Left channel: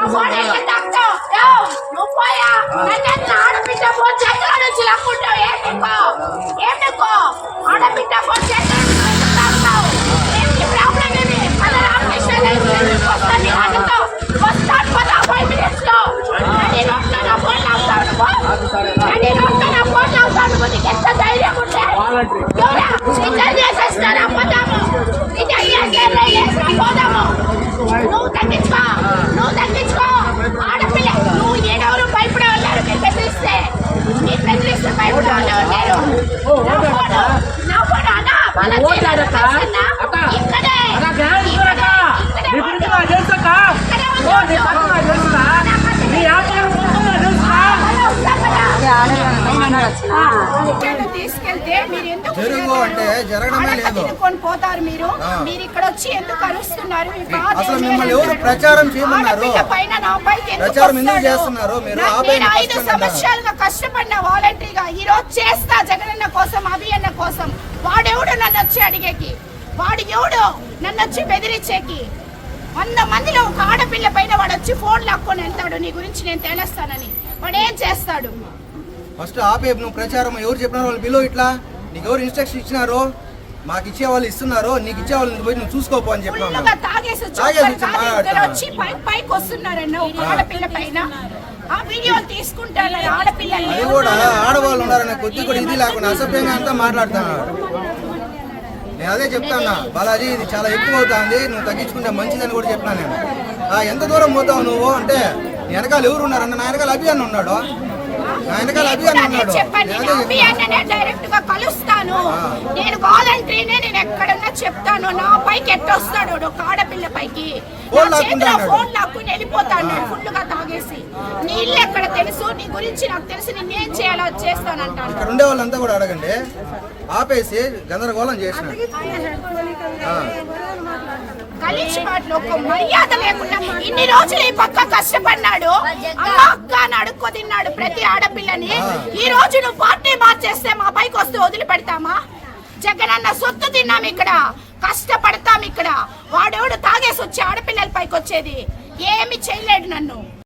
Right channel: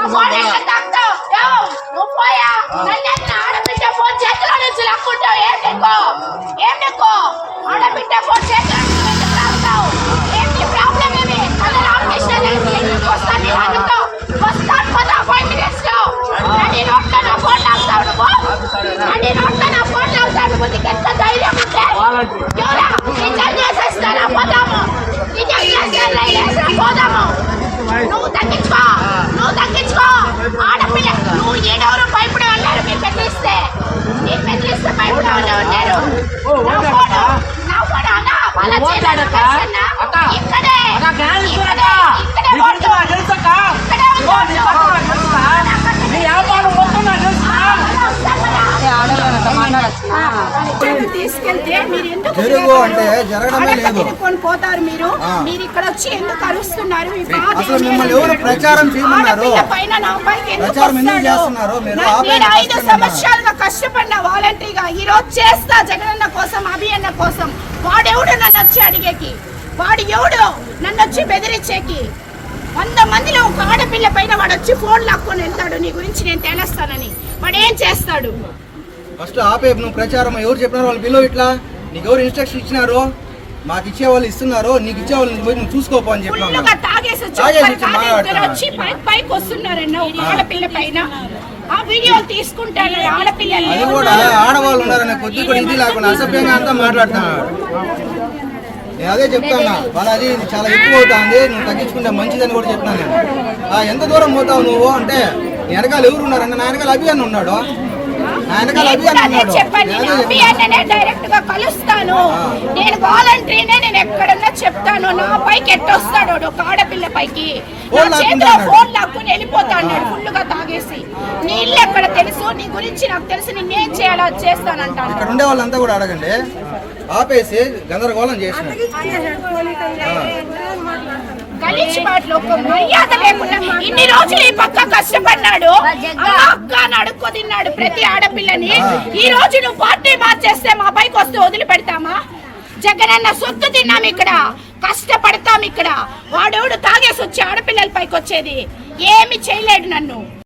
ఆ ఫోన్ ఎక్కడ తాకుతావు? యో, నువ్వు పోయా నన్ను ఆడబిడ్డ ఫోన్ చేతిలో నుంచి లాక్కుంటావు ఏం నీకు ఏం నీకు ఆడబిడ్డ ఫోన్ చేతిలో నుంచి ఎందుకు తాగుతావు ఏంటి ప్రాబ్లం ఇది అది రామకృష్ణ తెలిసి వస్తాను నేను అడుగుతా వస్తాను పద ఫైవ్ మినిట్స్లో నన్ను నొక్క నా ఫోన్ లాగుతావు నువ్వు నన్ను నొక్క నా ఫోన్ లాగుతావు నువ్వు నీకు ఎంత ధైర్యం ఉంటే ఎవరా నిజం చేసేస్తారా పోదాము నిజం చేస్తారా లేసా పోదాము నువ్వు తగ్గించుకో నువ్వు తగ్గించుకో ఆడపిల్ల నువ్వు ఏడెవరు భయపడే ఉన్నారు మీరు బెదిరిస్తే మీరు బెదిరిస్తే భయపడే వాళ్ళు ఉన్నారు నా ఫోను, నా ఫోను నీ గురించి. నాకు తెలుసక్క ఓ, నీ నాకు తెలుసా నీ వ్యాపారం మొత్తం నాకు తెలుసా తీసుకెళ్తే మీరు ఎందుకు. తినుకొని పోతారు మీరు. మీరు ఇక్కడ వచ్చి ఎందుకు అరుస్తున్నారు పైన నా పైకి ఎందుకు ఐదు. సంవత్సరాలుగా కష్టపడిన వాలంటరీగా ఈ రోజు చేస్తా జగనన్న కోసం అభియన్న కోసం వాడెవడు నన్ను వచ్చి అడిగేకి వాడు ఎవడు? నన్ను వచ్చి బెదిరించేకి. వంద మందిలో ఒక ఆడపిల్ల పైన వాడు వచ్చి ఫోన్ లాక్కొని వెళ్తాడు. నీ గురించి నేను తెలుస్తానని. వాడు ఏం చేస్తాడు? ఫస్ట్ ఆపే నువ్వు ప్రచారం ఎవరు చెప్పినారు? వాళ్ళు బిలో ఇట్లా? నీకు ఎవరు ఇన్స్ట్రక్షన్ ఇచ్చినారు? మాకు ఇచ్చే వాళ్ళు ఇస్తున్నారు? నీకు ఇచ్చే వాళ్ళు పోయి నువ్వు చూసుకోపో అని తాగేసి వచ్చి పైకి వస్తున్నారన్న ఒక ఆడపిల్ల పైన. ఆ వీడియోలు తీసుకుంటాను ఆడపిల్లలు అది కూడా ఆడవాళ్ళు ఉన్నారనే కొద్ది కూడా ఇది లేకుండా అసభ్యంగా అంతా మాట్లాడుతున్నారు. నేను అదే చెప్తాను బాలాజీ ఇది చాలా ఎక్కువ అవుతుంది. నువ్వు తగ్గించుకుంటే మంచిదని కూడా చెప్తాను నేను. ఆ, ఎంత దూరం పోతావు నువ్వు? అంటే నీ వెనకాల ఎవరు ఉన్నారన్న నా వెనకాల అభియాన్ ఉన్నాడు. నా వెనకాల నేను కూడా అభియాన్ అదే ఉన్నాడు. చెప్పాను నేను నేను అదే చెప్తాను. అభియాన్నే డైరెక్ట్గా కలుస్తాను నేను వాలంటరీనే నేను ఎక్కడన్నా చెప్తాను. నా పైకి ఎట్టొస్తాడు ఒక ఆడపిల్ల పైకి. నా చేతిలో అన్నాడు. ఫోన్ లాక్కుని వెళ్ళిపోతా అన్నాడు ఫుల్గా తాగేసి. నీ ఇల్లు ఎక్కడ తెలుసు? నీ గురించి నాకు తెలుసు. నేనేం చేయాలో చేస్తానంటాను ఇక్కడ ఉండే వాళ్ళంతా కూడా అడగండి. ఆపేసి గందరగోళం గలీజ్ మాటలు ఒక మర్యాద లేకుండా ఇన్ని రోజులు ఈ పక్క కష్టపడినాడు. అక్క అని తిన్నాడు ప్రతి ఆడపిల్లని ఈ రోజు నువ్వు పార్టీ మార్చేస్తే మా పైకి వస్తే వదిలిపెడతామా? జగనన్న సొత్తు తిన్నాం ఇక్కడ కష్టపడతాం ఇక్కడ. వాడెవడు తాగేసి వచ్చి ఆడపిల్లల పైకి వచ్చేది? ఏమి చేయలేడు నన్ను.